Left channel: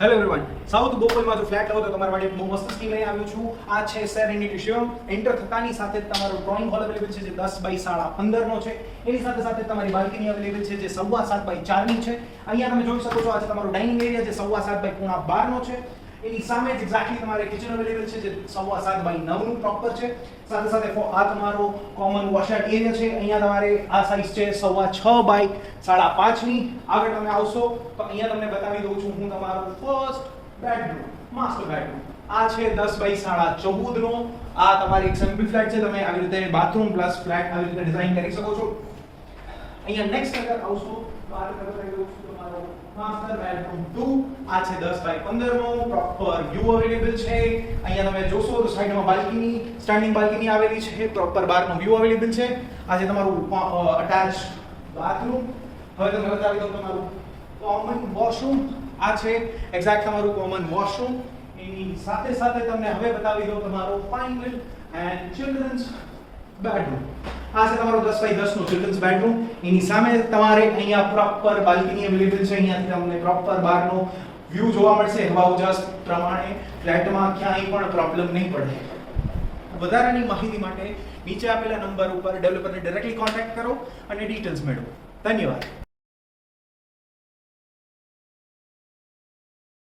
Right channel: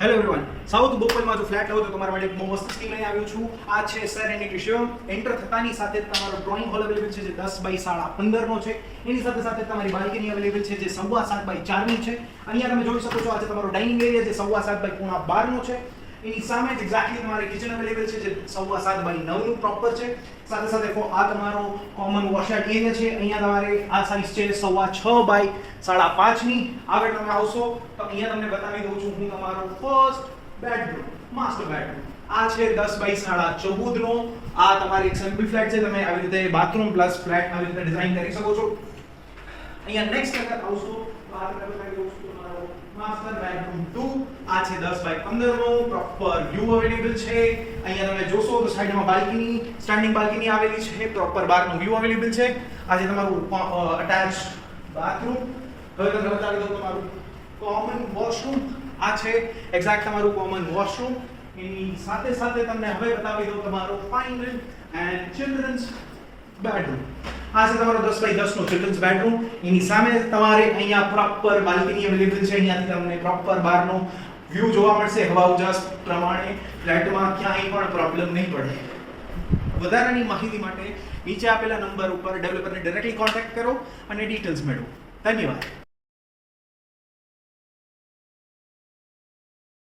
Hello everyone, south બોપલમાં જો flat આવો તો તમારા માટે એક બહુ મસ્ત સ્કીમ લઈને આવ્યો છું. આ છે સેરેનિટી શિવમ. એન્ટર થતાની સાથે જ તમારો ડ્રોઈંગ હોલ અવેલેબલ છે જે 10 બાય 15.5 નો છે. એની સાથે સાથે તમારી બાલ્કની અવેલેબલ છે જે 7.25 બાય 4 ની છે. અહીંયા તમે જોઈ શકો છો આ છે તમારો ડાઇનિંગ એરિયા જે 7.25 બાય 12 નો છે. એની સામે જ એક્ઝેક્ટલી તમારે કિચન અવેલેબલ છે જે 7.25 બાય 9 નું પ્રોપર છે. સાથે સાથે આ તમારો કોમન વોશઆઉટ એરિયા છે. અહીંયા તમારે આ સાઇઝ છે 6.25 બાય 5.5 ની. આગળ તમે આવશો તો અહીંયા તમને બતાવી દઉં છું હું તમારો ફર્સ્ટ બેડરૂમ, માસ્ટર બેડરૂમ. આ છે 10 બાય 14.5 નો. આ તમારી એક સિમ્પલ ફ્લેટ છે. તમે આવી રીતે બાથરૂમ પ્લસ ફ્લેટ આવી રીતે ડિઝાઇન કરી શકો છો. અહીંયા નેક્સ્ટ અગર આવશો તો આ રીતે બતાવી દઉં છું તમારો માસ્ટર બેડરૂમ 2. આ છે 10 બાય 15 નો. પ્રોપર વ્યૂ અવેલેબલ છે. અહીંયા તમે જોશો તો સાઈડમાં બાલ્કની, સ્ટેન્ડિંગ બાલ્કની આવેલી છે. પ્રોપર બહારનો વ્યૂ અવેલેબલ છે. આ છે તમારું અટેચ બાથરૂમ. હવે તમને બતાવી દઉં તમારું કોમન વોશરૂમ. આ છે એક્ઝેક્ટ તમારું કોમન વોશરૂમ. એની સાથે સાથે તમને હવે બતાવી દઉં તમારું ફાઇનલ એન્ડ ચિલ્ડ્રન્સ બેડરૂમ. આ છે તમારો 10 બાય 10 નો ચિલ્ડ્રન્સ બેડરૂમ. એની સામે તમારે અહીંયા પ્રોપર બાલ્કની અવેલેબલ છે. અહીંયાથી તમને પ્રોપર બહારનો વ્યૂ જોવા મળશે. હવા ઉજાસ પ્રમાણે ફ્લેટમાં ક્યાંય પણ પ્રોબ્લેમ નહીં પડે. વધારાની માહિતી માટે નીચે આપેલા નંબર ઉપર ડેવલપરને ડાયરેક્ટલી કોન્ટેક્ટ કરો અને ડિટેલ્સ મેળવો. ધન્યવાદ.